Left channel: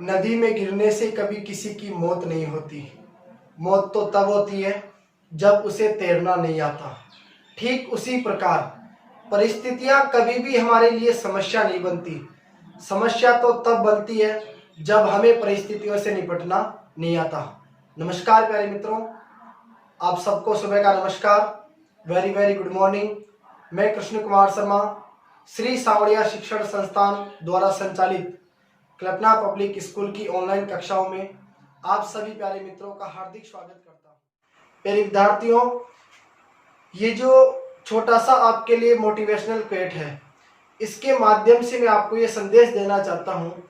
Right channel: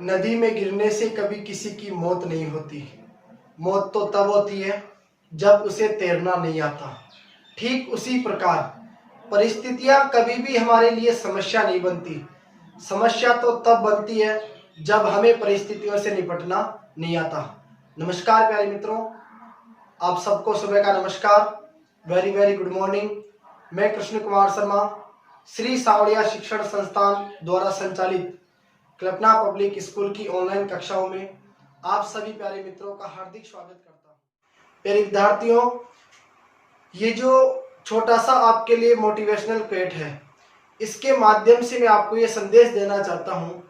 नदी में गिरने से कभी किसी की मौत नहीं होती। मौत तो तब होती है जब उसे तैरना नहीं आता। ठीक उसी प्रकार परिस्थितियां कभी भी हमारे लिए समस्या नहीं बनती। समस्या तो तब बनती है जब हमें परिस्थितियों से निपटना नहीं आता। नमस्कार प्यारे मित्रों, आप सबको सुबह का नमस्कार। Very very good morning. मैं कृष्ण कुमार शर्मा, श्री सांवरिया शिक्षण संस्थान द्वारा संचालित कल्पना पब्लिक स्कूल की ऑनलाइन कक्षाओं में आप सभी प्यारे मित्रों का हार्दिक स्वागत करता हूँ। प्यारे विद्यार्थियों, ये जो छोटा सा आपके लिए मोटिवेशनल क्वेट है, इसके माध्यम से मैं आपको ये संदेश देना चाहता हूँ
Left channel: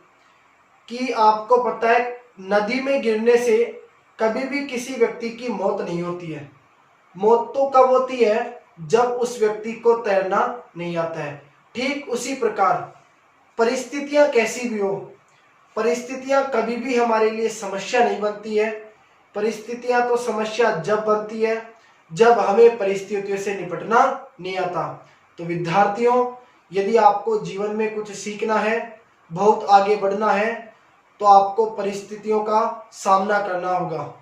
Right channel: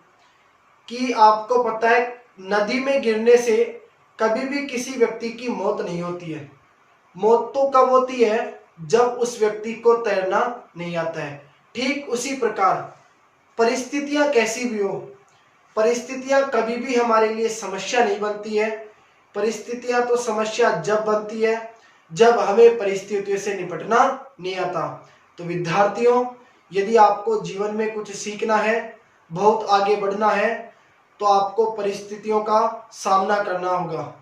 कि आपको पता है, नदी में गिरने से कभी भी किसी व्यक्ति की मौत नहीं होती है। मौत तो कब होती है जब उस व्यक्ति को तैरना नहीं आता है। ठीक उसी प्रकार परिस्थितियां कैसी भी हो, परिस्थितियां कभी भी हमारे लिए समस्या नहीं बनती है। परिस्थितियां तो समस्या जब बनती है जब हमें परिस्थितियों से निपटना नहीं आता। तो विद्यार्थियों, यदि आपको जीवन में कुछ सीखना है, बहुत आगे बढ़ना है, तो आपको परिस्थितियों का सामना करना होगा।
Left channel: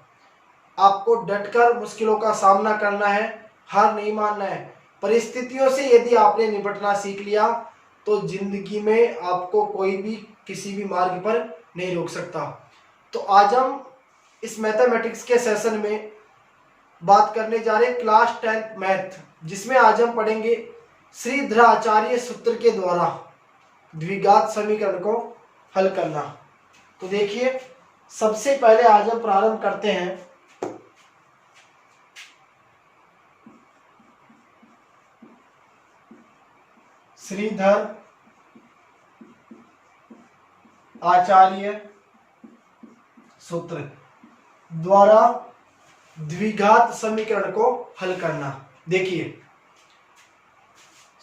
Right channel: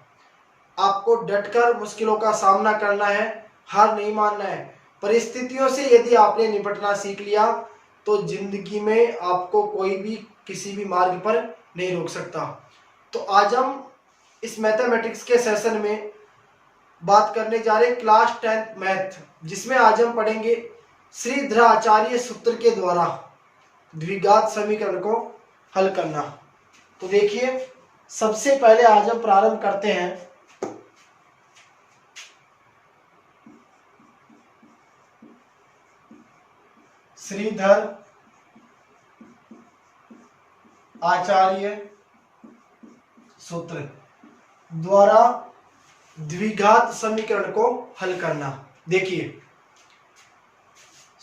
आपको डटकर मुश्किलों का सामना करना है, हार नहीं मानना है। परिस्थितियों से यदि आपने निपटना सीख लिया तो जिंदगी में आपको कोई भी किसी भी मार्ग पर नहीं रोक सकता। तो आज हम इस मैथमेटिक्स के सेशन में बात करने जा रहे हैं क्लास 10th मैथ, जिसमें आज हम पढ़ेंगे श्रीधर आचार्य सूत्र के द्वारा द्विघात समीकरण को हल करना। तो देखिए, सबसे पहले आज हम प्रारंभ करते हैं श्रीधर आचार्य सूत्र द्वारा द्विघात समीकरण को हल करना। देखिए,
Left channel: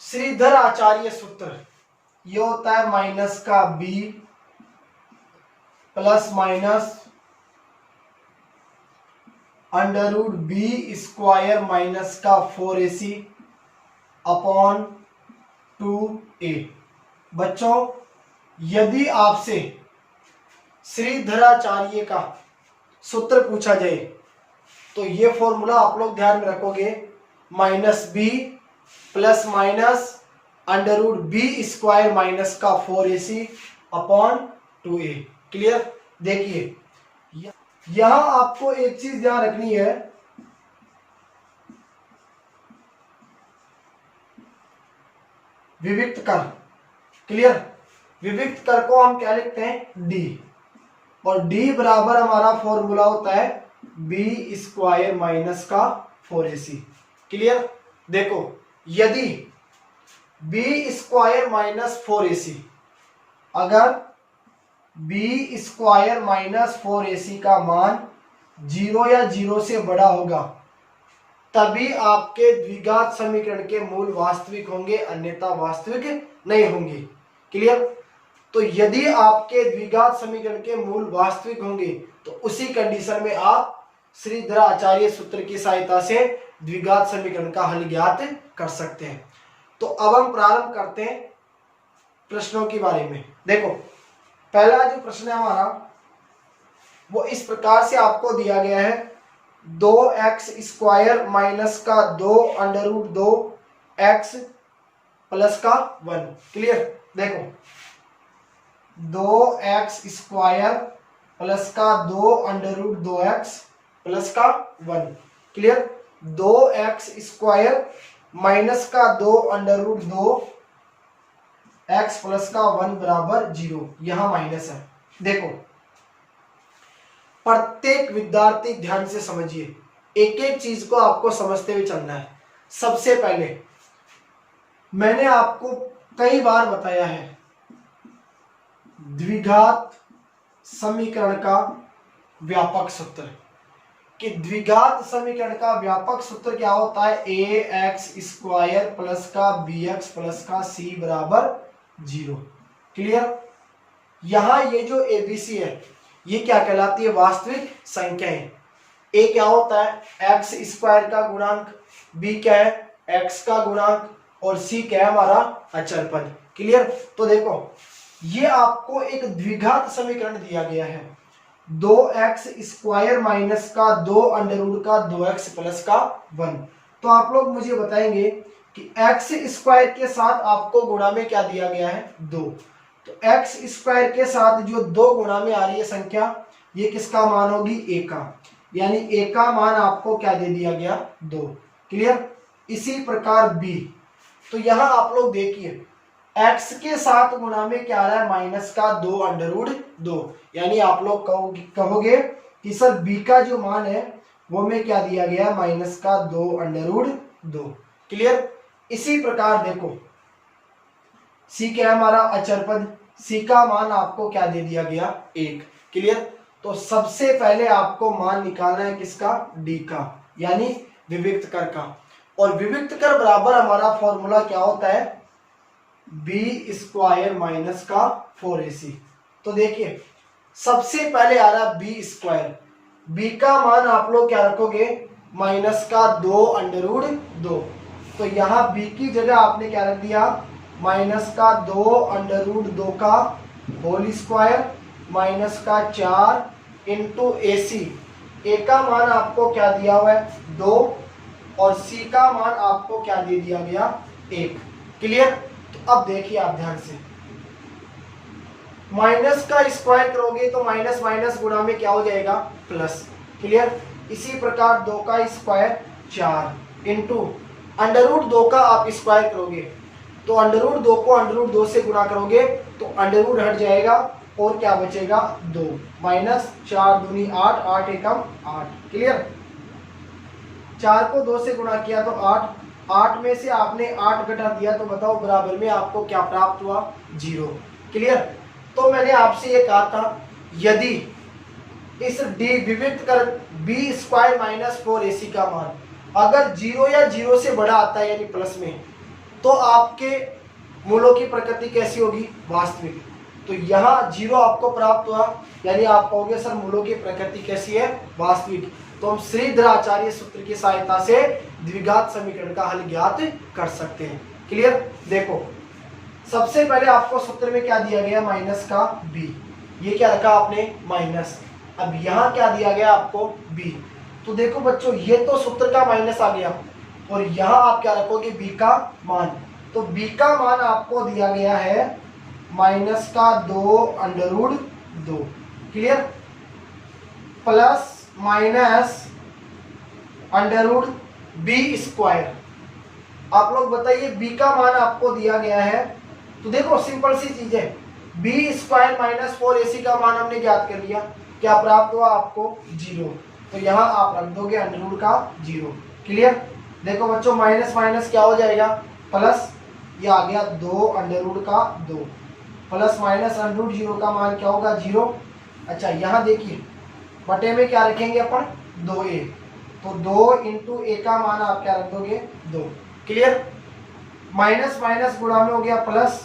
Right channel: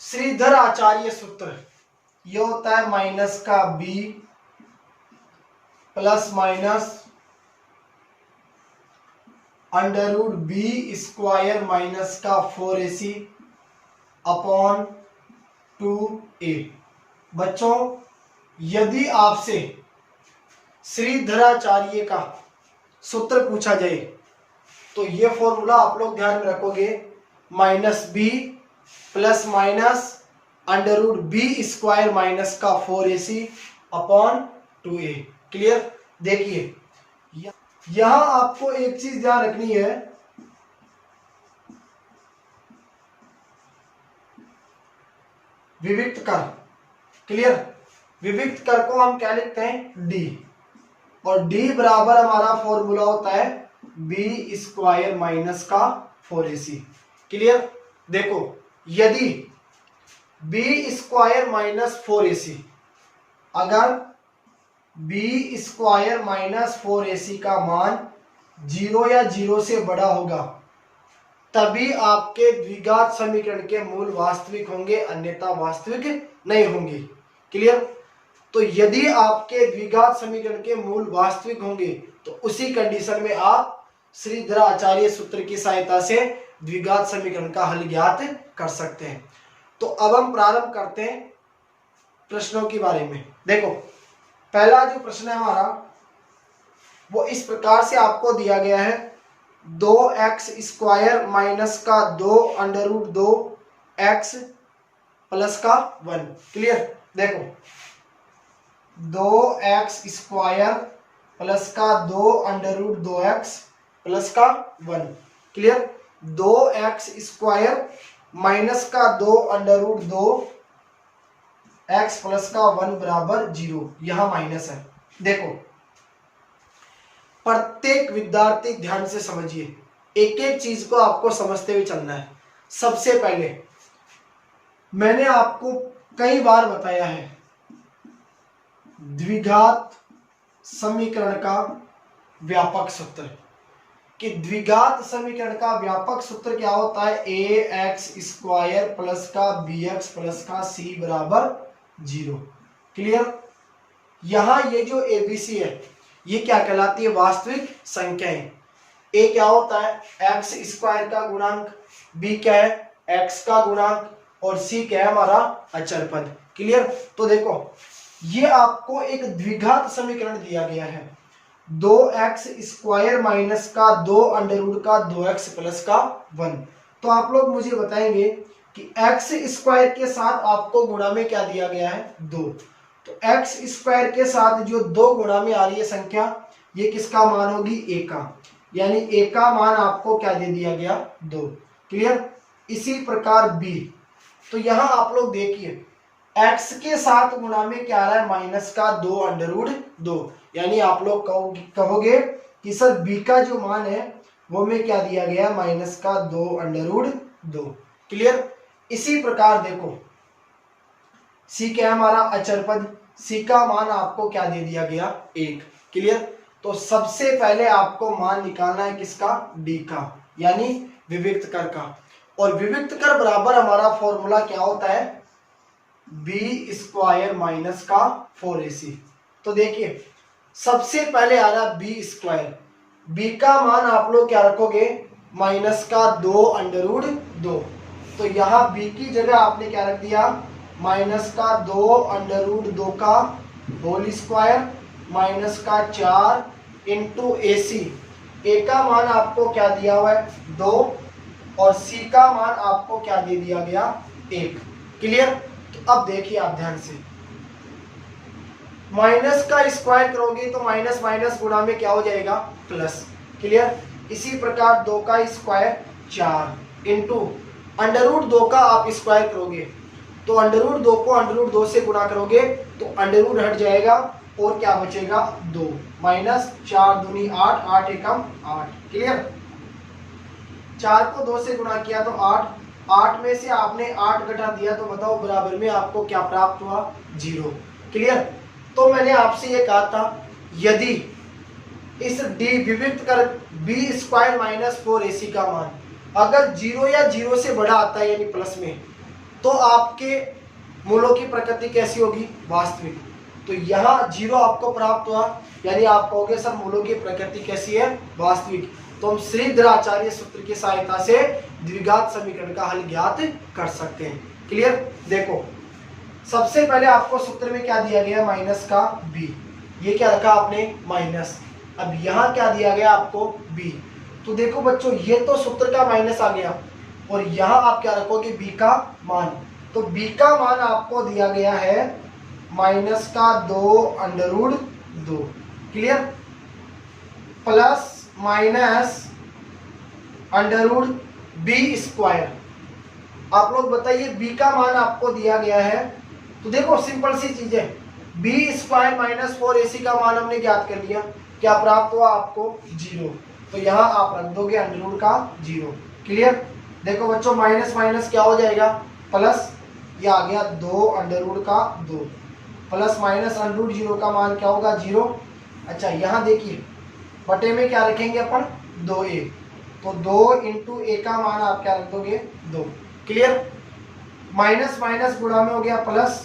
श्रीधर आचार्य सूत्र ये होता है माइनस का b plus minus under root B square minus का 4ac अपॉन 2a। बच्चों, यदि आपसे श्रीधराचार्य का सूत्र पूछा जाए तो ये फॉर्मूला आप लोग ध्यान में रखोगे, minus B plus minus under root B square minus का 4ac अपॉन 2a। क्लियर? देखिए, यहां आपको एक चीज ध्यान रखनी है, विविक्त कर। क्लियर? विविक्त कर को हम क्या लिखते हैं? डी, और डी बराबर हमारा फॉर्मूला होता है बी स्क्वायर माइनस का 4ac। क्लियर? देखो, यदि बी स्क्वायर माइनस 4ac, अगर बी स्क्वायर माइनस 4ac का मान 0 या 0 से बड़ा होगा तभी आपके द्विघात समीकरण के मूल वास्तविक होंगे, अन्यथा वास्तविक नहीं होंगे। क्लियर? तो यदि आपके द्विघात समीकरण के मूल वास्तविक होंगे तो उसी कंडीशन में आप श्रीधर आचार्य सूत्र की सहायता से द्विघात समीकरण का हल ज्ञात कर सकते हैं। तो अब हम प्रारंभ करते हैं प्रश्नों के बारे में। देखो, पहला जो प्रश्न है हमारा वो इस प्रकार से आपको दिया गया है, 2x स्क्वायर माइनस का 2 अंडर रूट 2x प्लस का 1। क्लियर? देखो, 2x स्क्वायर प्लस का 2 अंडर रूट 2x प्लस का 1। क्लियर? 2x स्क्वायर माइनस का 2 अंडर रूट 2x प्लस का 1 बराबर 0। यहां माइनस है। देखो, प्रत्येक विद्यार्थी ध्यान से समझिए, एक एक चीज को आपको समझते हुए चलना है। सबसे पहले मैंने आपको कई बार बताया है, द्विघात समीकरण का व्यापक सूत्र, कि द्विघात समीकरण का व्यापक सूत्र क्या होता है? ax स्क्वायर प्लस का bx प्लस का c बराबर 0। क्लियर? यहां ये जो abc है ये क्या कहलाती है? वास्तविक संख्याएं। a क्या होता है? x स्क्वायर का गुणांक, b क्या है? x का गुणांक, और c क्या है? हमारा अचर पद। क्लियर? तो देखो, ये आपको एक द्विघात समीकरण दिया गया है, 2x स्क्वायर माइनस का 2 अंडर रूट का 2x प्लस का 1। तो आप लोग मुझे बताएंगे कि x स्क्वायर के साथ आपको गुणा में क्या दिया गया है, 2। तो x स्क्वायर के साथ जो 2 गुणा में आ रही है संख्या, ये किसका मान होगी, a का, यानी a का मान आपको क्या दे दिया गया, 2। क्लियर। इसी प्रकार b, तो यहां आप लोग देखिए x के साथ गुणा में क्या आ रहा है, माइनस का 2 अंडर रूट 2, यानी आप लोग कहोगे कि सर b का जो मान है वो में क्या दिया गया, माइनस का 2 अंडर रूट 2। क्लियर। इसी प्रकार देखो c क्या है हमारा, अचर पद, c का मान आपको क्या दे दिया गया, 1। क्लियर। तो सबसे पहले आपको मान निकालना है किसका, d का, यानी विविक्त कर का। और विविक्त कर बराबर हमारा फॉर्मूला क्या होता है, b स्क्वायर माइनस का 4ac। तो देखिए सबसे पहले आ रहा b स्क्वायर, b का मान आप लोग क्या रखोगे, माइनस का 2 अंडर रूट 2। तो यहाँ b की जगह आपने क्या रख दिया, माइनस का 2 अंडर रूट 2 का होल स्क्वायर माइनस का 4 इंटू ac। a का मान आपको क्या दिया हुआ है, 2, और c का मान आपको क्या दे दिया गया, 1। क्लियर। तो अब देखिए आप ध्यान से, माइनस का स्क्वायर करोगे तो माइनस माइनस गुणा में क्या हो जाएगा, प्लस। क्लियर। इसी प्रकार 2 का स्क्वायर 4 इंटू अंडर रूट 2 का आप स्क्वायर करोगे तो अंडर रूट 2 को अंडर रूट 2 से गुणा करोगे तो अंडर रूट हट जाएगा और क्या बचेगा, 2, माइनस 4 दूनी 8, 8 एकम 8। क्लियर। 4 को 2 से गुणा किया तो 8, 8 में से आपने 8 घटा दिया तो बताओ बराबर में आपको क्या प्राप्त हुआ, 0। क्लियर। तो मैंने आपसे ये कहा था यदि इस d विविक्त कर b स्क्वायर माइनस 4ac का मान अगर 0 या 0 से बड़ा आता है यानी प्लस में, तो आपके मूलों की प्रकृति कैसी होगी, वास्तविक। तो यहाँ 0 आपको प्राप्त हुआ, यानी आप कहोगे सर मूलों की प्रकृति कैसी है, वास्तविक। तो हम श्रीधर आचार्य सूत्र की सहायता से द्विघात समीकरण का हल ज्ञात कर सकते हैं। क्लियर। देखो सबसे पहले आपको सूत्र में क्या दिया गया, माइनस का b, ये क्या रखा आपने, माइनस। अब यहाँ क्या दिया गया आपको, b। तो देखो बच्चों ये तो सूत्र का माइनस आ गया और यहाँ आप क्या रखोगे, b का मान। तो b का मान आपको दिया गया है माइनस का 2 under root 2। Clear. Plus minus under root b square. आप लोग बताइए b का मान आपको दिया गया है, तो देखो सिंपल सी चीज है, b स्क्वायर माइनस 4ac का मान हमने ज्ञात कर लिया, क्या प्राप्त हुआ आपको, 0। तो यहाँ आप रख दोगे अंडर रूट का 0। क्लियर। देखो बच्चों माइनस माइनस क्या हो जाएगा, प्लस, ये आ गया 2 अंडर रूट का 2, प्लस माइनस अंडर रूट 0 का मान क्या होगा, 0। अच्छा यहाँ देखिए बटे में क्या रखेंगे अपन, 2a। तो 2 इंटू a का मान आप क्या रख दोगे, 2। क्लियर। माइनस माइनस गुणा में हो गया प्लस,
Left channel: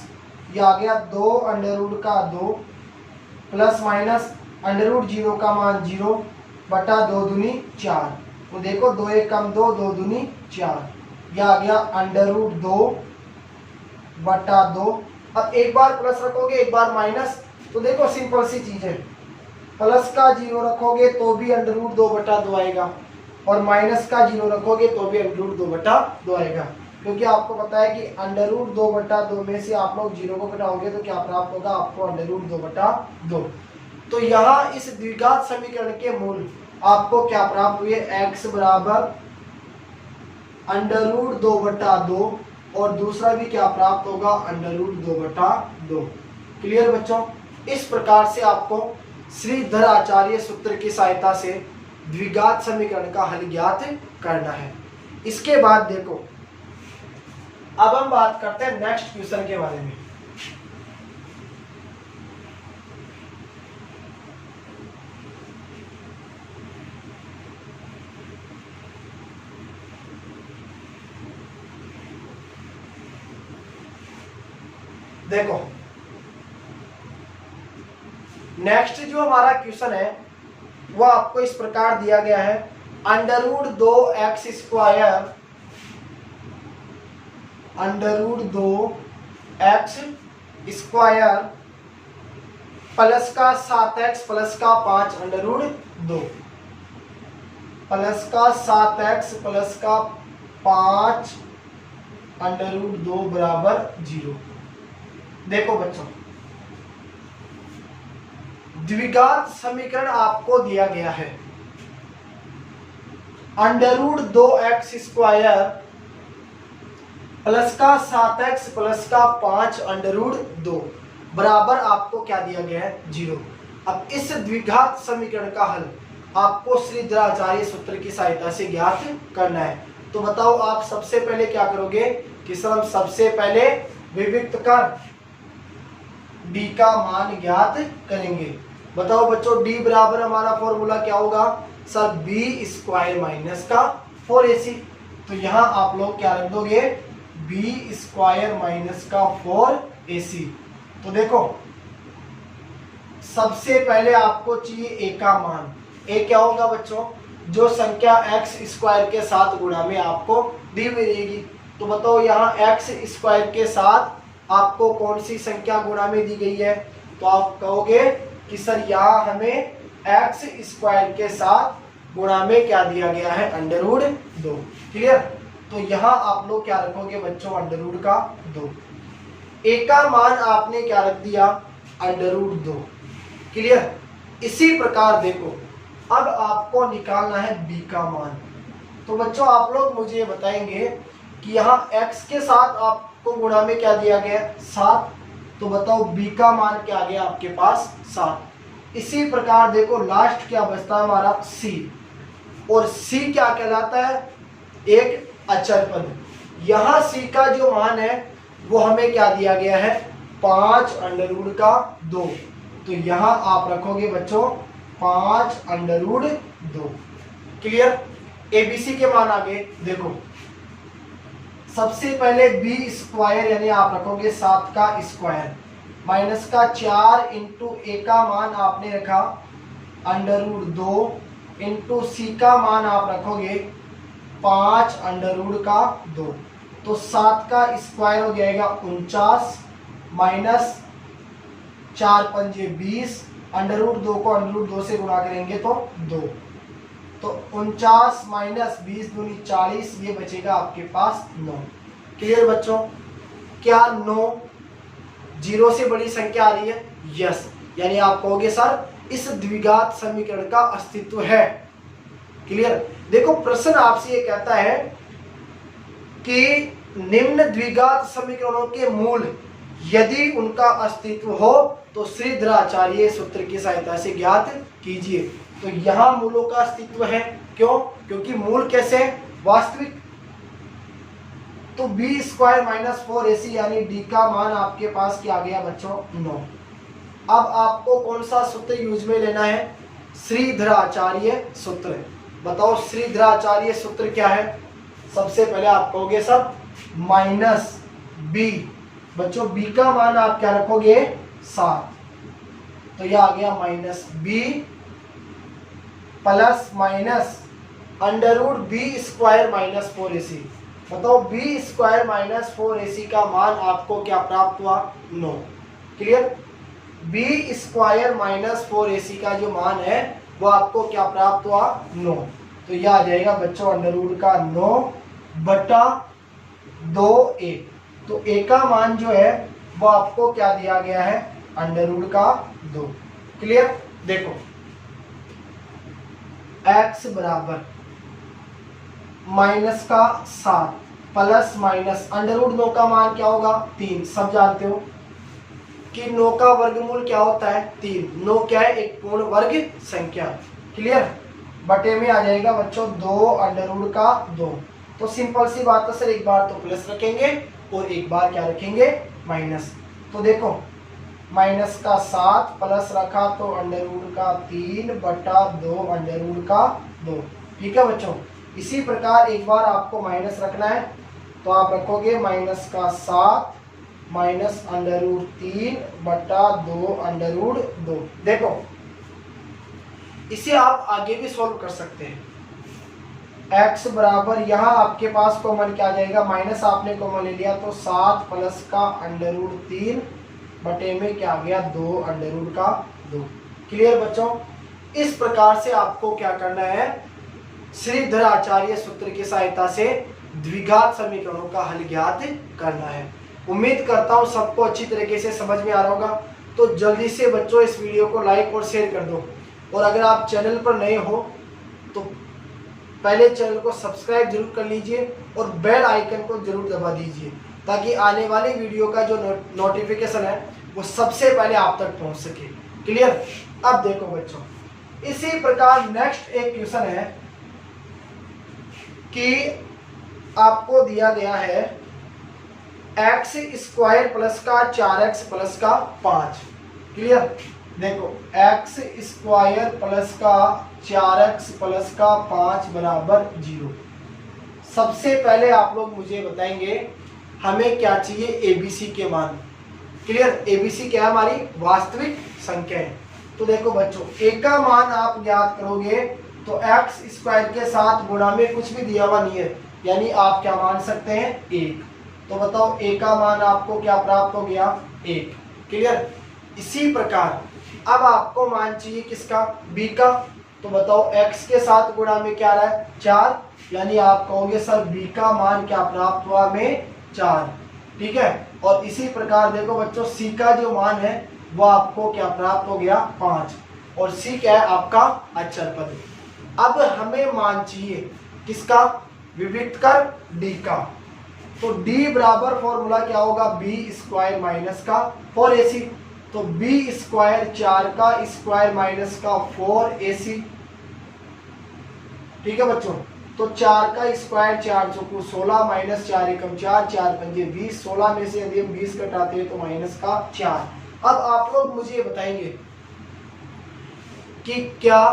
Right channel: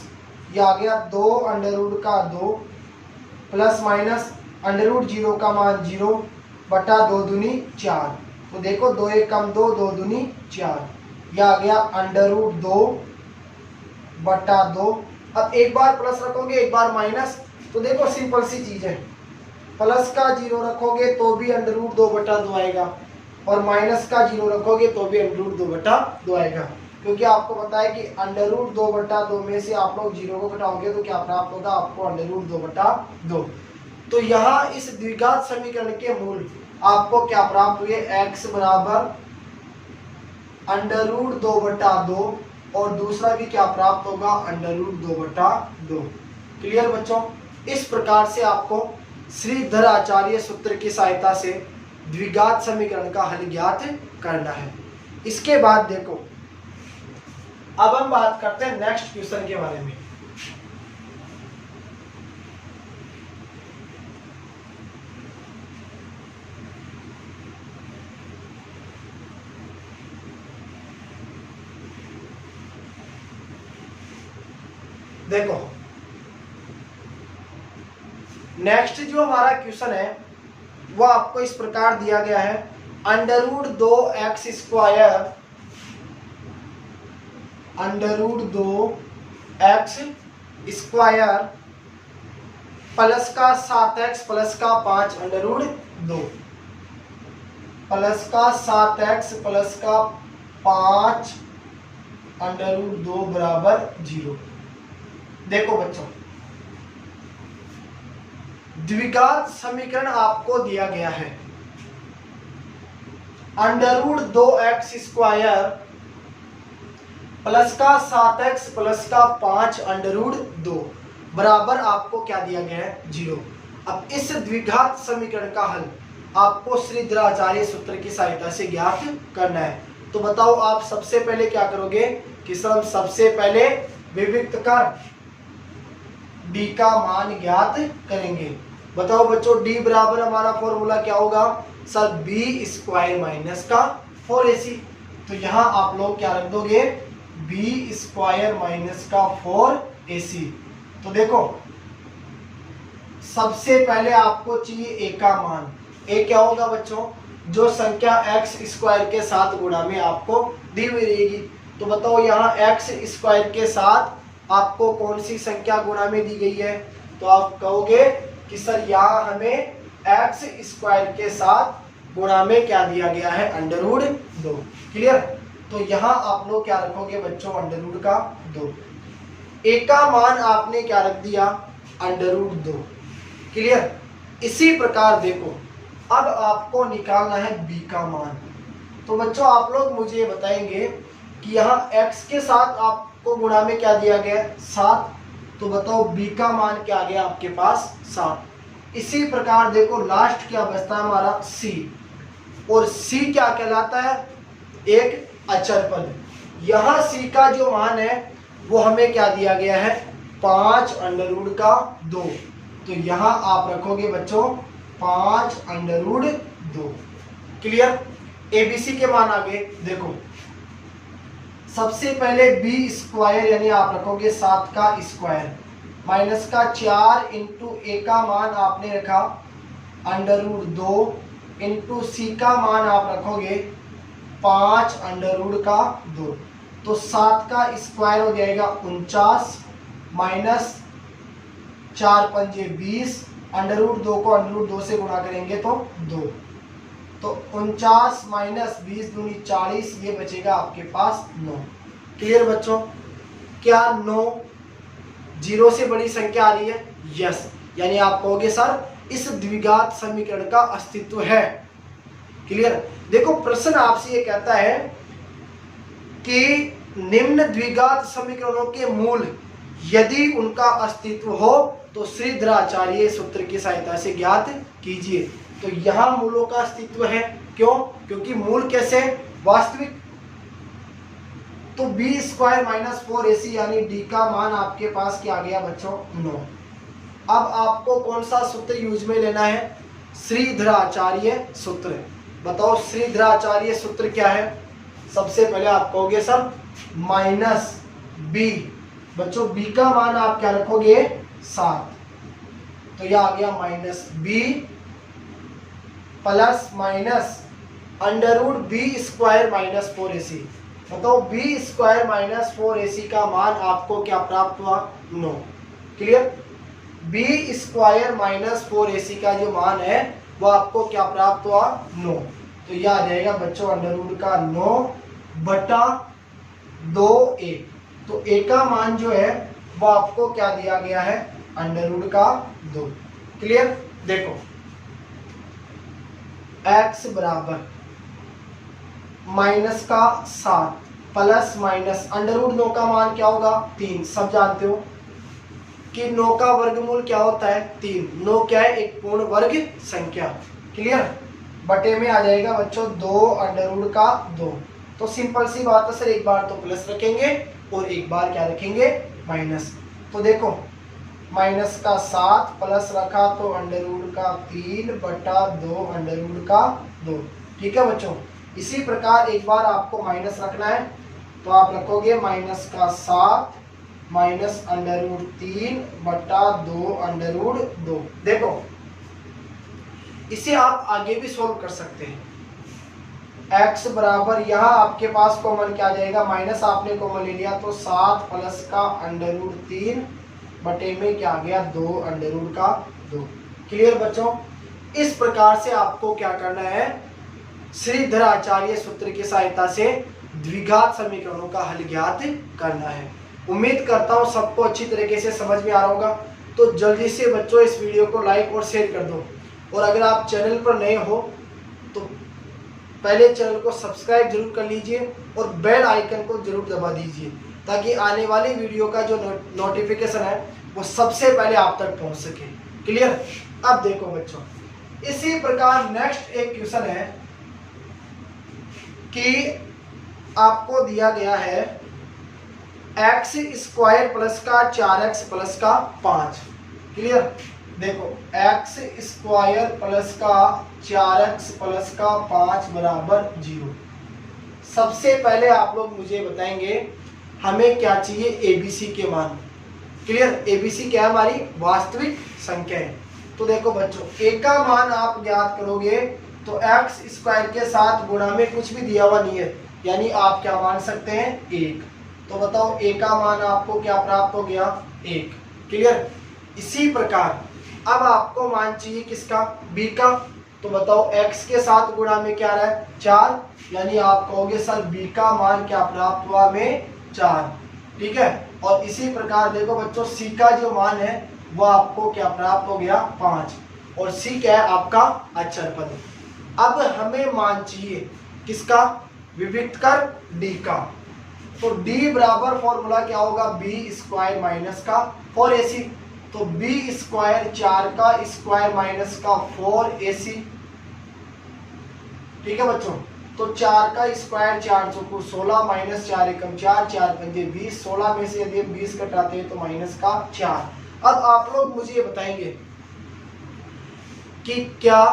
ये आ गया 2 अंडर रूट का 2 प्लस माइनस अंडर रूट 0 का मान 0 बटा 2 दूनी 4। तो देखो 2 एक कम 2, 2 दूनी 4, यह आ गया अंडर रूट 2 बटा 2। अब एक बार प्लस रखोगे एक बार माइनस, तो देखो सिंपल सी चीज है, प्लस का 0 रखोगे तो भी अंडर रूट 2 बटा 2 आएगा और माइनस का 0 रखोगे तो भी अंडर रूट 2 बटा 2 आएगा, क्योंकि आपको पता है कि अंडर रूट 2 बटा 2 में से आप लोग 0 को घटाओगे तो क्या प्राप्त होगा आपको, अंडर रूट 2 बटा 2। तो यहाँ इस द्विघात समीकरण के मूल आपको क्या प्राप्त हुए, x बराबर अंडर रूट 2 बटा 2 और दूसरा भी क्या प्राप्त होगा, अंडर रूट 2 बटा 2। क्लियर बच्चों। इस प्रकार से आपको श्रीधर आचार्य सूत्र की सहायता से द्विघात समीकरण का हल ज्ञात करना है। इसके बाद देखो अब हम बात करते हैं नेक्स्ट क्वेश्चन के बारे में। देखो नेक्स्ट जो हमारा क्वेश्चन है वो आपको इस प्रकार दिया गया है, under root 2x square under root 2x square plus का 7x प्लस का 5 अंडर रूट 2, प्लस का 7x प्लस का 5 अंडर रूट 2 बराबर 0। देखो बच्चों, द्विघात समीकरण आपको दिया गया है under root 2x square plus का 7x प्लस का 5 अंडर रूट 2 बराबर आपको क्या दिया गया है 0। अब इस द्विघात समीकरण का हल आपको श्रीधराचार्य सूत्र की सहायता से ज्ञात करना है। तो बताओ आप सबसे पहले क्या करोगे कि सर हम सबसे पहले विविक्त कर d का मान ज्ञात करेंगे। बताओ बच्चों, d बराबर हमारा फॉर्मूला क्या होगा सर, b स्क्वायर माइनस का 4ac। तो यहाँ आप लोग क्या रख दोगे, b स्क्वायर माइनस का 4ac। तो देखो सबसे पहले आपको चाहिए a का मान। a क्या होगा बच्चों, जो संख्या x स्क्वायर के साथ गुणा में आपको दी हुई रहेगी। तो बताओ यहाँ x स्क्वायर के साथ आपको कौन सी संख्या गुणा में दी गई है, तो आप कहोगे कि सर यहाँ हमें x स्क्वायर के साथ गुणा में क्या दिया गया है अंडर रूट 2। क्लियर। तो यहाँ आप लोग क्या रखोगे बच्चों, अंडर रूट का 2। a का मान आपने क्या रख दिया, अंडर रूट 2। क्लियर। इसी प्रकार देखो अब आपको निकालना है b का मान। तो बच्चों आप लोग मुझे बताएंगे कि यहाँ x के साथ आपको गुणा में क्या दिया गया 7। तो बताओ b का मान क्या आ गया आपके पास 7। इसी प्रकार देखो लास्ट क्या बचता है हमारा c, और c क्या कहलाता है, एक अचर पद। यहाँ c का जो मान है वो हमें क्या दिया गया है 5 अंडर रूट का 2। तो यहाँ आप रखोगे बच्चों 5 अंडर रूट 2। क्लियर। एबीसी के मान आगे देखो, सबसे पहले b स्क्वायर यानी आप रखोगे 7 का स्क्वायर माइनस का 4 इंटू a का मान आपने रखा अंडर रूट 2 इंटू c का मान आप रखोगे 5 अंडर रूट का 2। तो 7 का स्क्वायर हो जाएगा 49 माइनस 4 पंजे 20, अंडर रूट 2 को अंडर रूट 2 से गुणा करेंगे तो 2। तो 49 माइनस 20 दूनी 40, ये बचेगा आपके पास 9। क्लियर बच्चों। क्या 9 जीरो से बड़ी संख्या आ रही है, यस। यानी आप कहोगे सर इस द्विघात समीकरण का अस्तित्व है। क्लियर। देखो प्रश्न आपसे ये कहता है कि निम्न द्विघात समीकरणों के मूल यदि उनका अस्तित्व हो तो श्रीधराचार्य सूत्र की सहायता से ज्ञात कीजिए। तो यहाँ मूलों का अस्तित्व है, क्यों, क्योंकि मूल कैसे वास्तविक। तो b स्क्वायर माइनस 4ac यानी d का मान आपके पास क्या आ गया बच्चों 9। अब आपको कौन सा सूत्र यूज में लेना है, श्रीधराचार्य सूत्र। बताओ श्रीधराचार्य सूत्र क्या है। सबसे पहले आप कहोगे सर माइनस b। बच्चों b का मान आप क्या रखोगे 7। तो यह आ गया minus b plus minus under root b square minus 4ac। बताओ b स्क्वायर माइनस 4ac का मान आपको क्या प्राप्त हुआ 9। Clear. b square minus 4ac का जो मान है वो आपको क्या प्राप्त हुआ 9। तो यह आ जाएगा बच्चों अंडर रूट का 9 बटा 2a। तो a का मान जो है वो आपको क्या दिया गया है अंडर रूट का 2। क्लियर। देखो x बराबर माइनस का 7 प्लस माइनस अंडर रूट 9 का मान क्या होगा 3। सब जानते हो कि 9 का वर्गमूल क्या होता है 3। 9 क्या है, एक पूर्ण वर्ग संख्या। क्लियर। बटे में आ जाएगा बच्चों 2 अंडर रूट का 2। तो सिंपल सी बात है सर, एक बार तो प्लस रखेंगे और एक बार क्या रखेंगे माइनस। तो देखो माइनस का 7 प्लस रखा तो अंडर रूट का 3 बटा 2 अंडर रूट का 2। ठीक है बच्चों। इसी प्रकार एक बार आपको माइनस रखना है तो आप रखोगे माइनस का 7 माइनस अंडर रूट 3 बटा 2 अंडर रूट 2। देखो इसे आप आगे भी सॉल्व कर सकते हैं। x बराबर यहाँ आपके पास कॉमन क्या आ जाएगा, माइनस आपने कॉमन ले लिया तो 7 प्लस का अंडर रूट 3 बटे में क्या आ गया 2 अंडर रूट का 2। क्लियर बच्चों। इस प्रकार से आपको क्या करना है, श्रीधर आचार्य सूत्र की सहायता से द्विघात समीकरणों का हल ज्ञात करना है। उम्मीद करता हूं सबको अच्छी तरीके से समझ में आ रहा होगा। तो जल्दी से बच्चों इस वीडियो को लाइक और शेयर कर दो, और अगर आप चैनल पर नए हो तो पहले चैनल को सब्सक्राइब जरूर कर लीजिए और बेल आइकन को जरूर दबा दीजिए, ताकि आने वाली वीडियो का जो नोटिफिकेशन है वो सबसे पहले आप तक पहुंच सके। क्लियर। अब देखो बच्चों, इसी प्रकार नेक्स्ट एक क्वेश्चन है कि आपको दिया गया है एक्स स्क्वायर प्लस का 4x प्लस का 5। क्लियर। देखो एक्स स्क्वायर प्लस का 4x प्लस का 5 बराबर 0। सबसे पहले आप लोग मुझे बताएंगे हमें क्या चाहिए, एबीसी के मान। क्लियर। एबीसी क्या है, हमारी वास्तविक संख्या है। तो देखो बच्चों, ए का मान आप ज्ञात करोगे तो एक्स स्क्वायर के साथ गुणा में कुछ भी दिया हुआ नहीं है, यानी आप क्या मान सकते हैं 1। तो बताओ ए का मान आपको क्या प्राप्त हो गया 1। क्लियर। इसी प्रकार अब आपको मान चाहिए किसका, बी का। तो बताओ एक्स के साथ गुणा में क्या रहा है 4, यानी आप कहोगे सर बी का मान क्या प्राप्त हुआ में 4। ठीक है। और इसी प्रकार देखो बच्चों, सी का जो मान है वो आपको क्या प्राप्त हो गया 5, और सी क्या है आपका अचर पद। अब हमें मान चाहिए किसका, विविक्त कर डी का। तो डी बराबर फॉर्मूला क्या होगा, बी स्क्वायर माइनस का 4ac। तो बी स्क्वायर 4 का स्क्वायर माइनस का 4ac। ठीक है बच्चों। तो 4 का स्क्वायर 4 चौको 16 माइनस 4 एकम 4, 4 पंजे 20, 16 में से यदि हम 20 घटाते हैं तो माइनस का 4। अब आप लोग मुझे बताएंगे कि क्या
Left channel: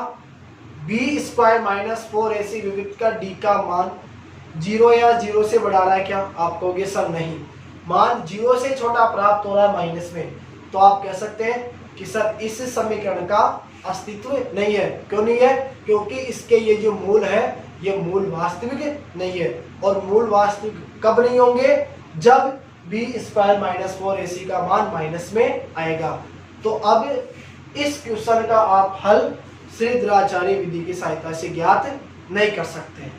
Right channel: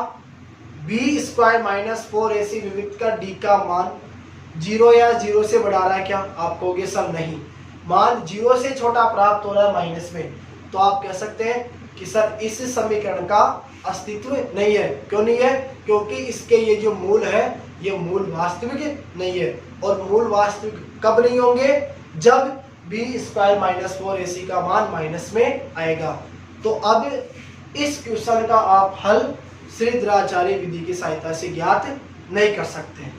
बी स्क्वायर माइनस 4ac विविक्त का डी का मान 0 या 0 से बढ़ा रहा है क्या। आप कहोगे सर नहीं, मान 0 से छोटा प्राप्त हो रहा है माइनस में। तो आप कह सकते हैं कि सर इस समीकरण का अस्तित्व नहीं है। क्यों नहीं है, क्योंकि इसके ये जो मूल है ये मूल वास्तविक नहीं है। और मूल वास्तविक कब नहीं होंगे, जब बी स्क्वायर माइनस 4ac का मान माइनस में आएगा। तो अब इस क्वेश्चन का आप हल श्रीधराचार्य विधि की सहायता से ज्ञात नहीं कर सकते।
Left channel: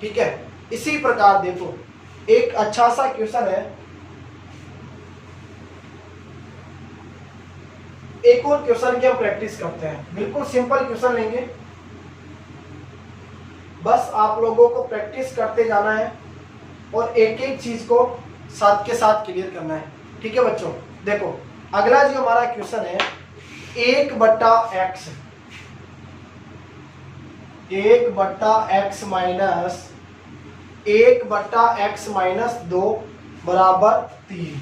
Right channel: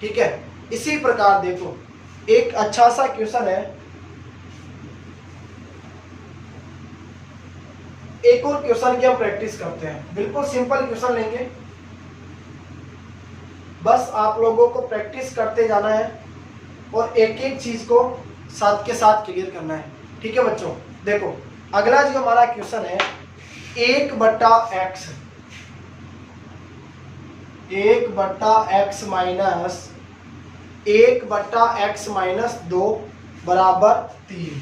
ठीक है। इसी प्रकार देखो एक अच्छा सा क्वेश्चन है, एक और क्वेश्चन की हम प्रैक्टिस करते हैं। बिल्कुल सिंपल क्वेश्चन लेंगे, बस आप लोगों को प्रैक्टिस करते जाना है और एक एक चीज को साथ के साथ क्लियर करना है। ठीक है बच्चों। देखो अगला जो हमारा क्वेश्चन है 1/x, 1/x minus 1/x minus 2 बराबर 3।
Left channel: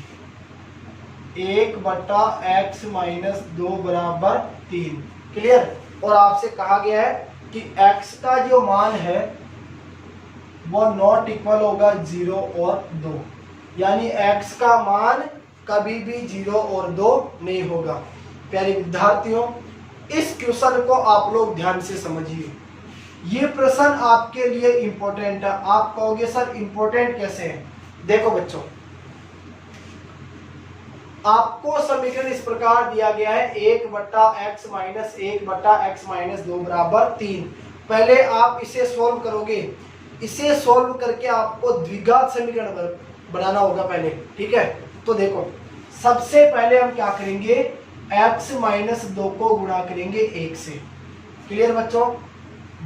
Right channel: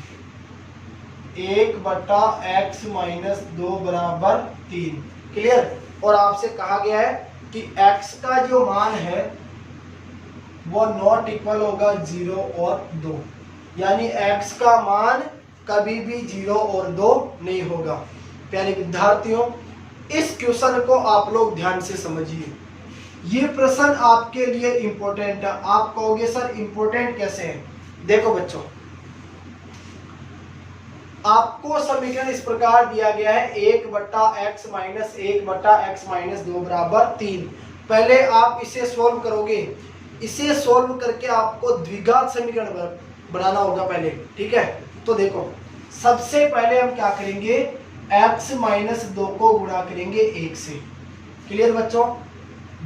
1/x माइनस 2 बराबर 3। क्लियर। और आपसे कहा गया है कि x का जो मान है वो नॉट इक्वल होगा 0 और 2, यानी x का मान कभी भी 0 और 2 नहीं होगा। प्यारे विद्यार्थियों, इस क्वेश्चन को आप लोग ध्यान से समझिए। ये प्रश्न आपके लिए इंपॉर्टेंट है। आप कहोगे सर इंपॉर्टेंट कैसे है। देखो बच्चों, आपको समीकरण इस प्रकार दिया गया है 1/x माइनस 1/x माइनस 2 बराबर 3। पहले आप इसे सोल्व करोगे, इसे सोल्व करके आपको द्विघात समीकरण बनाना होगा पहले। ठीक है। तो देखो सबसे पहले हम क्या करेंगे, x माइनस 2 को गुणा करेंगे 1 से। क्लियर बच्चों।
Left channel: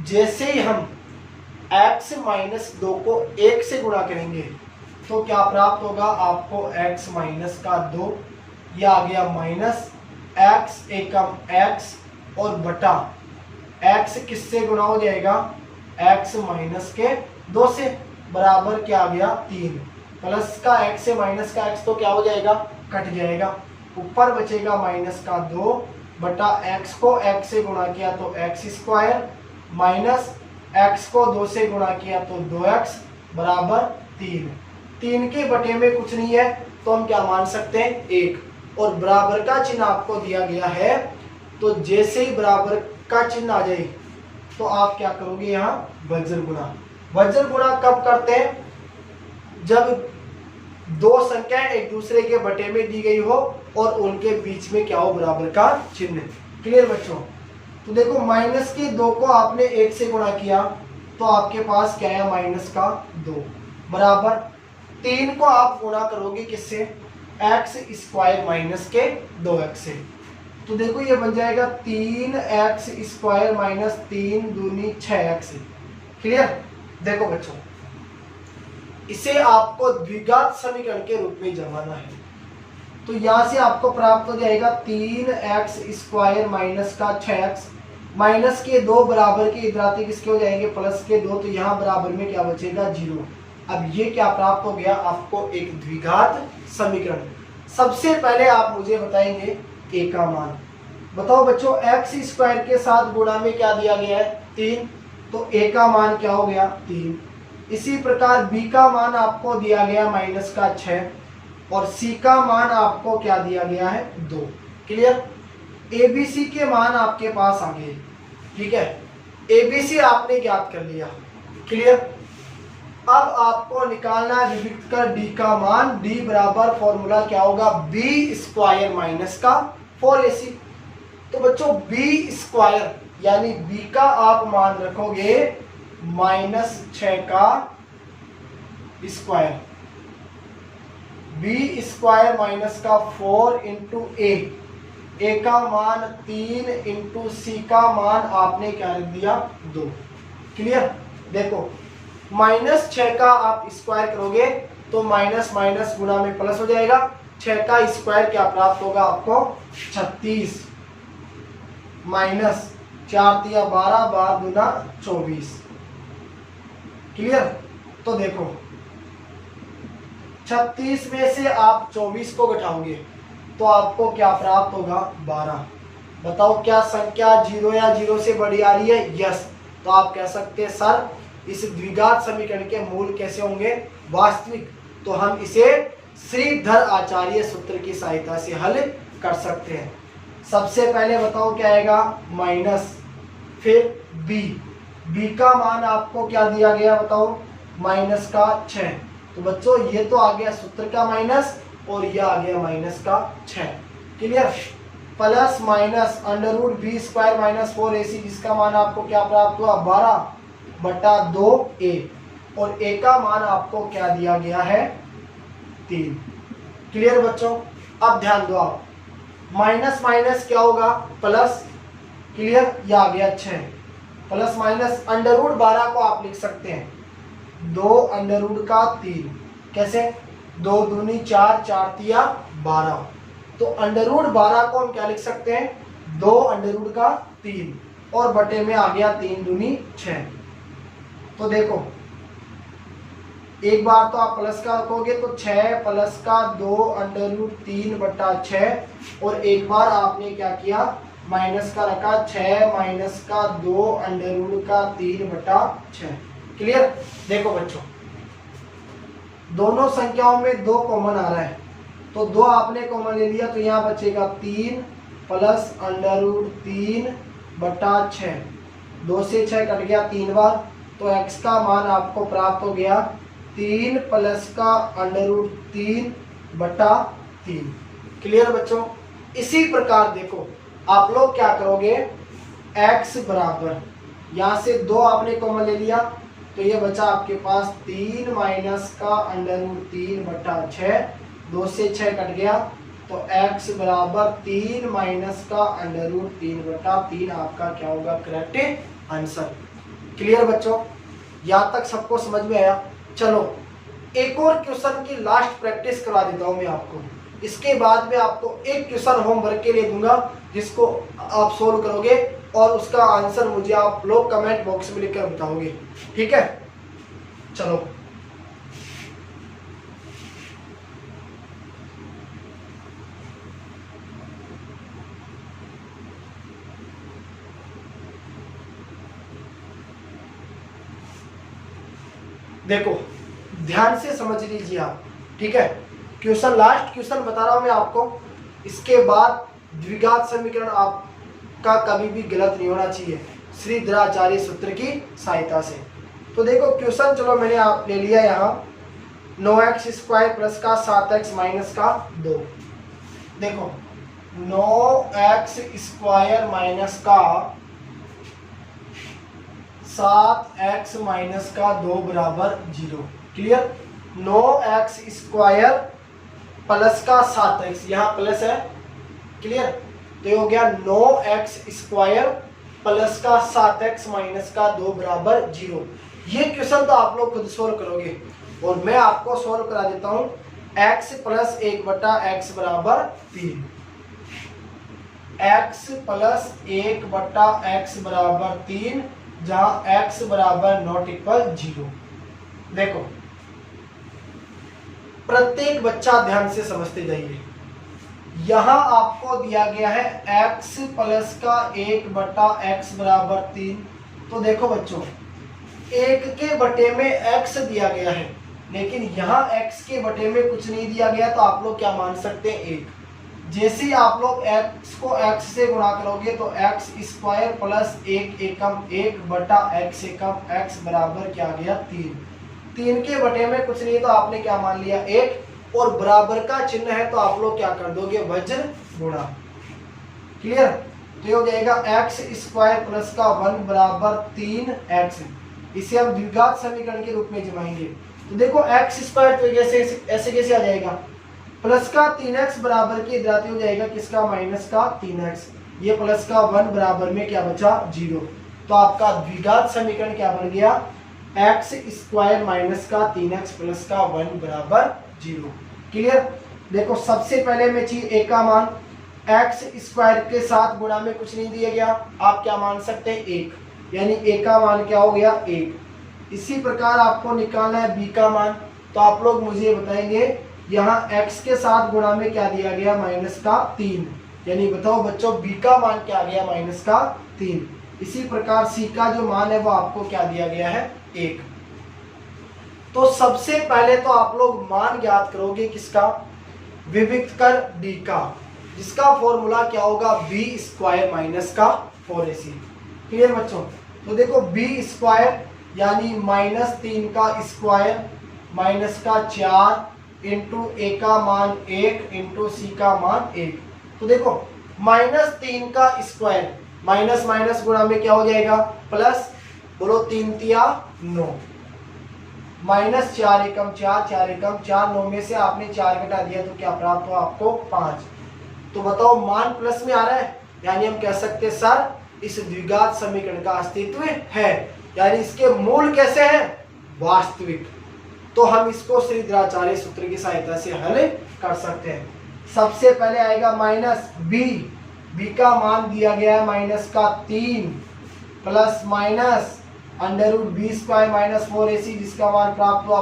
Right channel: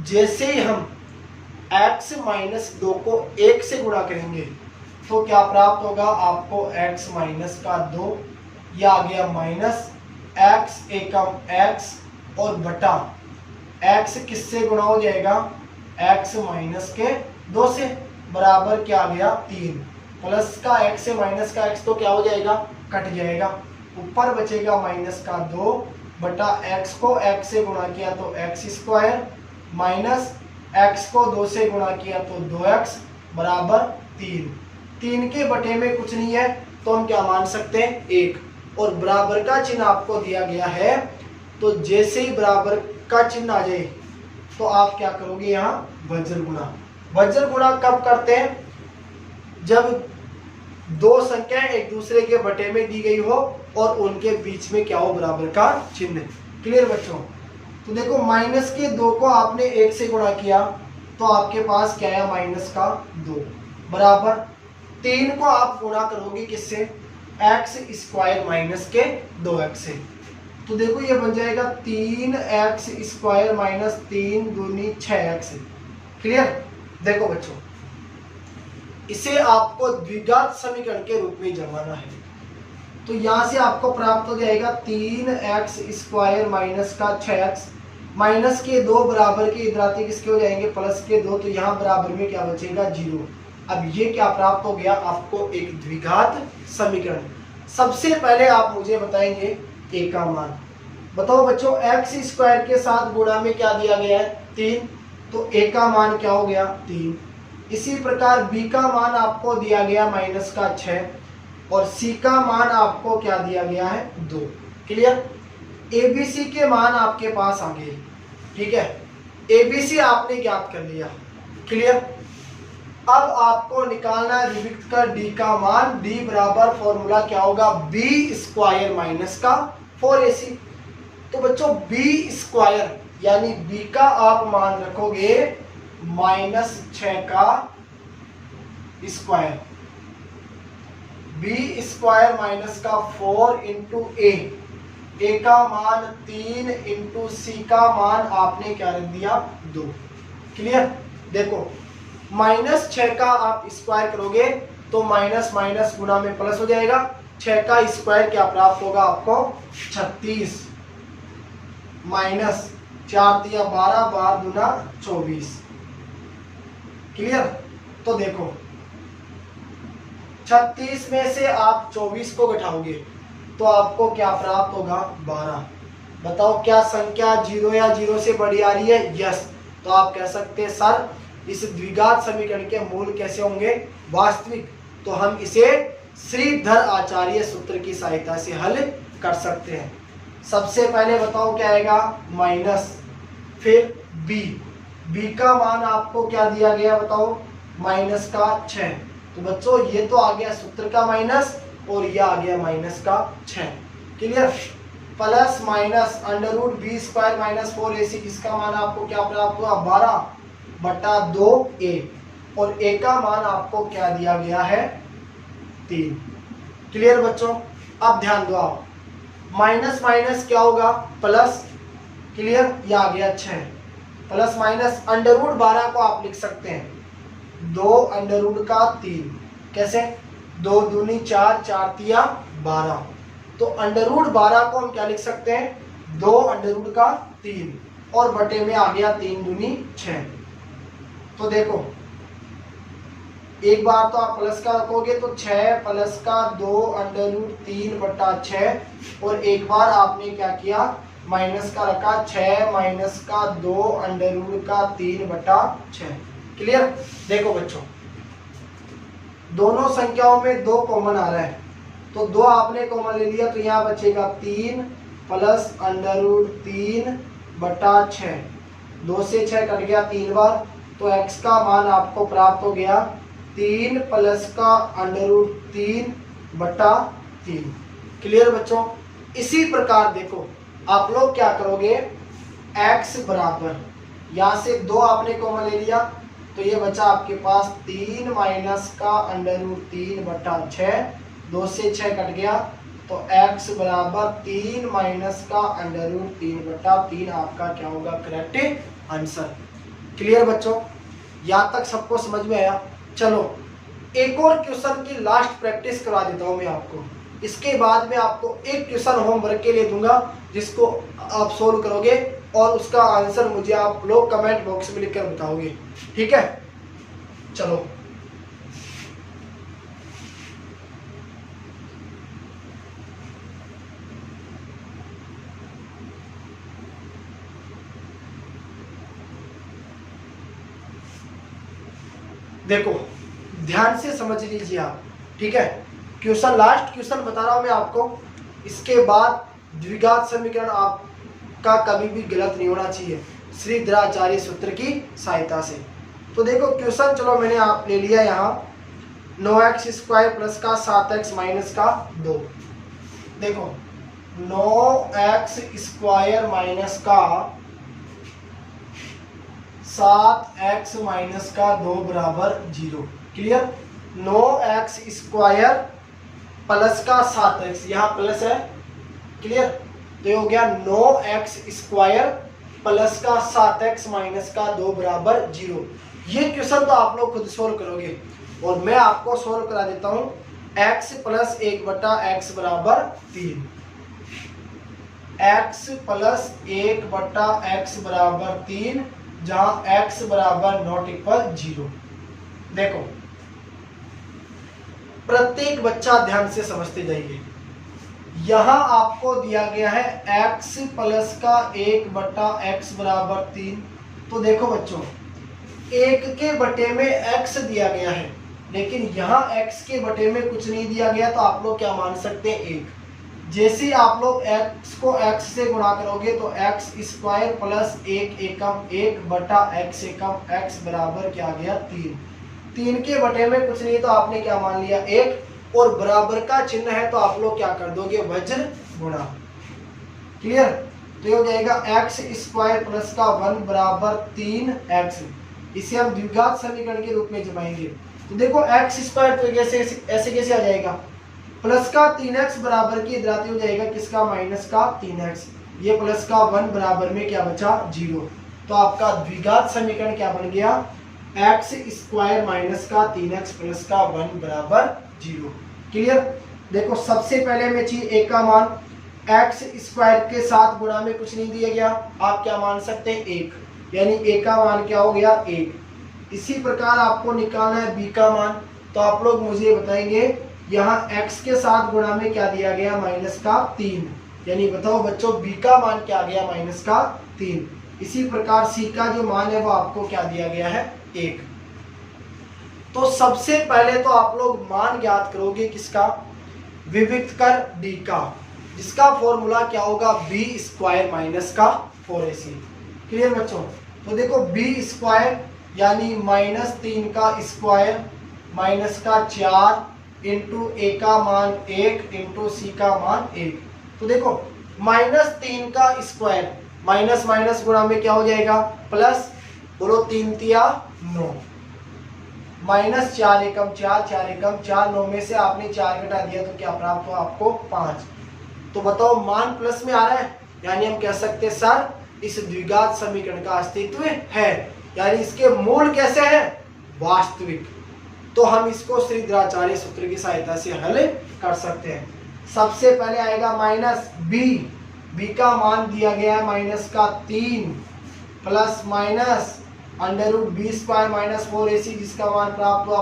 जैसे ही हम x माइनस 2 को 1 से गुणा करेंगे तो क्या प्राप्त होगा आपको, x माइनस का 2, यह आ गया माइनस x एकम x और बटा x किससे गुणा हो जाएगा, x माइनस के 2 से, बराबर क्या आ गया 3। प्लस का x से माइनस का x तो क्या हो जाएगा, कट जाएगा। ऊपर बचेगा माइनस का 2 बटा x को x से गुणा किया तो x स्क्वायर, माइनस x को 2 से गुणा किया तो 2x बराबर 3। 3 के बटे में कुछ नहीं है तो हम क्या मान सकते हैं 1। और बराबर का चिन्ह आपको दिया गया है, तो जैसे ही बराबर का चिन्ह आ जाए तो आप क्या करोगे, यहाँ वज्र गुणा। वज्र गुणा कब करते हैं, जब दो संख्याएं एक दूसरे के बटे में दी गई हो और उनके बीच में क्या हो, बराबर का चिन्ह। क्लियर बच्चों। तो देखो माइनस के 2 को आपने 1 से गुणा किया तो आपके पास क्या है, माइनस का 2 बराबर 3 को आप गुणा करोगे किससे, एक्स स्क्वायर माइनस के 2x से। तो देखो ये बन जाएगा 3x स्क्वायर माइनस 3 दूनी 6x। क्लियर। देखो बच्चों इसे आपको द्विघात समीकरण के रूप में जमाना है। तो यहां से आपको प्राप्त हो जाएगा 3x स्क्वायर माइनस का 6x, माइनस के 2 बराबर के इधराते किसके हो जाएंगे, प्लस के 2, तो यहाँ बराबर में क्या बचेगा, 0। अब ये क्या प्राप्त हो गया आपको, एक द्विघात समीकरण। सबसे पहले आप मुझे बताएंगे a का मान। बताओ बच्चों x स्क्वायर के साथ गुणा में क्या दिया गया है, 3, तो a का मान क्या हो गया, 3। इसी प्रकार b का मान आपको दिया गया माइनस का 6 और c का मान आपको क्या दिया गया है, 2। क्लियर। abc के मान आपके पास आ गए। ठीक है, abc आपने ज्ञात कर लिया। क्लियर। अब आपको निकालना है विविक्त का d का मान। d बराबर फॉर्मूला क्या होगा, b स्क्वायर माइनस का 4ac। तो बच्चों b स्क्वायर यानी b का आप मान रखोगे -6 का स्क्वायर, b स्क्वायर माइनस का 4 इंटू a का मान 3 इंटू c का मान आपने क्या रख दिया, 2। क्लियर। देखो -6 का आप स्क्वायर करोगे तो माइनस माइनस गुना में प्लस हो जाएगा। 6 का स्क्वायर क्या प्राप्त होगा आपको, 36 माइनस 4 तिया 12, 12 दूना 24। क्लियर। तो देखो 36 में से आप 24 को घटाओगे तो आपको क्या प्राप्त होगा, 12। बताओ क्या संख्या 0 या 0 से बड़ी आ रही है, यस। तो आप कह सकते हैं सर इस द्विघात समीकरण के मूल कैसे होंगे, वास्तविक। तो हम इसे श्रीधर आचार्य सूत्र की सहायता से हल कर सकते हैं। सबसे पहले बताओ क्या आएगा, माइनस, फिर b का मान आपको क्या दिया गया बताओ, माइनस का 6। तो बच्चों ये तो आ गया सूत्र का माइनस और ये आ गया माइनस का 6। Clear. Plus minus under root b square minus 4ac जिसका मान आपको क्या प्राप्त हुआ, 12/2a और a का मान आपको क्या दिया गया है, 3। क्लियर बच्चों। अब ध्यान दो आप, माइनस माइनस क्या होगा, प्लस। क्लियर। ये आ गया 6 प्लस माइनस अंडर रूट 12 को आप लिख सकते हैं 2 अंडर रूट का 3। कैसे, 2 दूनी 4, 4 तिया 12। तो अंडर रूट 12 को हम क्या लिख सकते हैं, 2 अंडर रूट का 3 और बटे में आ गया 3 दूनी 6। तो देखो एक बार तो आप प्लस का रखोगे तो 6 प्लस का 2 अंडर रूट 3/6 और एक बार आपने क्या किया, माइनस का रखा 6 माइनस का 2 अंडर रूट का 3/6। क्लियर। देखो बच्चों दोनों संख्याओं में 2 कॉमन आ रहा है तो 2 आपने कॉमन ले लिया तो यहाँ बचेगा 3 प्लस अंडर रूट 3/6। 2 से 6 कट गया 3 बार, तो x का मान आपको प्राप्त हो गया 3 प्लस का अंडर रूट 3/3। क्लियर बच्चों। इसी प्रकार देखो आप लोग क्या करोगे, x बराबर यहाँ से 2 आपने कॉमन ले लिया तो ये बचा आपके पास 3 माइनस का अंडर रूट 3/6। 2 से 6 कट गया तो x बराबर 3 माइनस का अंडर रूट 3/3 आपका क्या होगा, करेक्ट आंसर। क्लियर बच्चों। यहाँ तक सबको समझ में आया। चलो एक और क्वेश्चन की लास्ट प्रैक्टिस करवा देता हूँ मैं आपको। इसके बाद में आपको एक क्वेश्चन होमवर्क के लिए दूंगा जिसको आप सोल्व करोगे और उसका आंसर मुझे आप लोग कमेंट बॉक्स में लिखकर बताओगे। ठीक है। चलो देखो ध्यान से समझ लीजिए आप। ठीक है। क्वेश्चन लास्ट क्वेश्चन बता रहा हूं मैं आपको। इसके बाद द्विघात समीकरण आपका कभी भी गलत नहीं होना चाहिए श्रीधराचार्य सूत्र की सहायता से। तो देखो क्वेश्चन चलो मैंने आप ले लिया यहाँ 9x स्क्वायर प्लस का 7x माइनस का 2। देखो 9x स्क्वायर माइनस का 7x माइनस का 2 बराबर 0। क्लियर। 9x स्क्वायर प्लस का 7x, यहाँ प्लस है। क्लियर। तो ये हो गया 9x स्क्वायर प्लस का 7x माइनस का 2 बराबर 0। ये क्वेश्चन तो आप लोग खुद सोल्व करोगे और मैं आपको सोल्व करा देता हूं। x प्लस 1/x बराबर 3, x प्लस 1/x बराबर 3, जहां x बराबर नॉट इक्वल 0। देखो प्रत्येक बच्चा ध्यान से समझते जाइए। यहां आपको दिया गया है x प्लस का 1/x बराबर 3। तो देखो बच्चों, 1 के बटे में x दिया गया है, लेकिन यहाँ x के बटे में कुछ नहीं दिया गया, तो आप लोग क्या मान सकते हैं 1। जैसे आप लोग x को x से गुणा करोगे तो x स्क्वायर प्लस 1 एकम 1/x एकम x बराबर क्या आ गया 3। 3 के बटे में कुछ नहीं, तो आपने क्या मान लिया 1, और बराबर का चिन्ह है तो आप लोग क्या कर दोगे वज्र गुणा। क्लियर। तो ये हो जाएगा x स्क्वायर प्लस का 1 बराबर 3x। इसे हम द्विघात समीकरण के रूप में जमाएंगे। तो देखो x स्क्वायर तो ऐसे कैसे आ जाएगा, प्लस का 3x बराबर की इधराती हो जाएगा किसका माइनस का 3x। ये प्लस का 1 बराबर में क्या बचा 0। तो आपका द्विघात समीकरण क्या बन गया x स्क्वायर माइनस का 3x प्लस का 1 बराबर 0। क्लियर। देखो सबसे पहले में चाहिए a का मान, x स्क्वायर के साथ गुणा में कुछ नहीं दिया गया, आप क्या मान सकते हैं 1, यानी a का मान क्या हो गया 1। इसी प्रकार आपको निकालना है b का मान, तो आप लोग मुझे बताएंगे यहाँ x के साथ गुणा में क्या दिया गया माइनस का 3, यानी बताओ बच्चों b का मान क्या आ गया माइनस का 3। इसी प्रकार c का जो मान है वो आपको क्या दिया गया है 1। तो सबसे पहले तो आप लोग मान ज्ञात करोगे किसका, विविक्त कर d का, जिसका फॉर्मूला क्या होगा b स्क्वायर माइनस का 4ac। क्लियर बच्चों। तो देखो b स्क्वायर यानी -3 का स्क्वायर माइनस का 4 इंटू a का मान 1 इंटू c का मान 1। तो देखो -3 का स्क्वायर माइनस माइनस गुणा में क्या हो जाएगा प्लस, बोलो 3 तिया 9, माइनस 4 एकम 4, 4 एकम 4, 9 में से आपने 4 घटा दिया तो क्या प्राप्त हो आपको 5। तो बताओ मान प्लस में आ रहा है, यानी हम कह सकते हैं सर इस द्विघात समीकरण का अस्तित्व है, यानी इसके मूल कैसे हैं वास्तविक। तो हम इसको श्रीधराचार्य सूत्र की सहायता से हल कर सकते हैं। सबसे पहले आएगा माइनस b का मान दिया गया है माइनस का 3 plus minus √b square minus 4ac, जिसका मान प्राप्त हुआ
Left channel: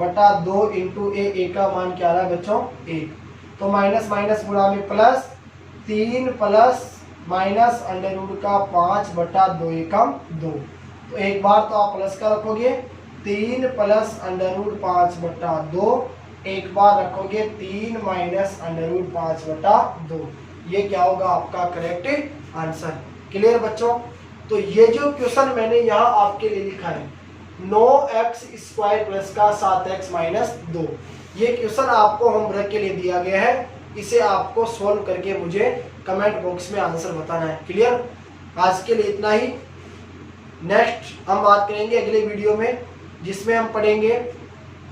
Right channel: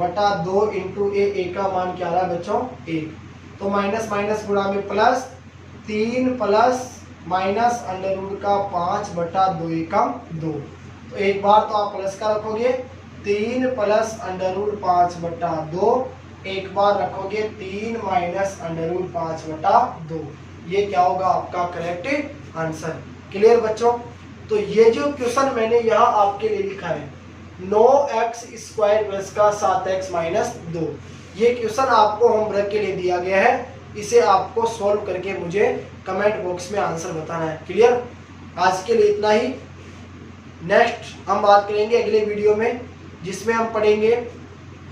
5/2 इंटू a का मान क्या रहा बच्चों 1। तो माइनस माइनस गुणा में प्लस 3 प्लस माइनस √5/2 एकम 2। तो एक बार तो आप प्लस का रखोगे 3 प्लस √5/2, एक बार रखोगे 3 माइनस √5/2। ये क्या होगा आपका करेक्ट आंसर। क्लियर बच्चों। तो ये जो क्वेश्चन मैंने यहाँ आपके लिए लिखा है 9x स्क्वायर प्लस का 7x माइनस 2, ये क्वेश्चन आपको होमवर्क के लिए दिया गया है। इसे आपको सोल्व करके मुझे कमेंट बॉक्स में आंसर बताना है। क्लियर। आज के लिए इतना ही। नेक्स्ट हम बात करेंगे अगले वीडियो में, जिसमें हम पढ़ेंगे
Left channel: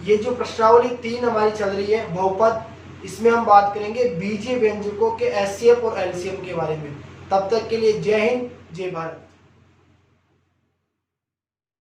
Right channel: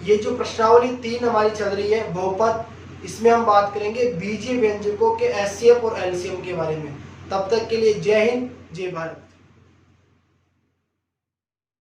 ये जो प्रश्नावली 3 हमारी चल रही है बहुपद, इसमें हम बात करेंगे बीजीय व्यंजकों के एचसीएफ और एलसीएम के बारे में। तब तक के लिए जय हिंद जय भारत।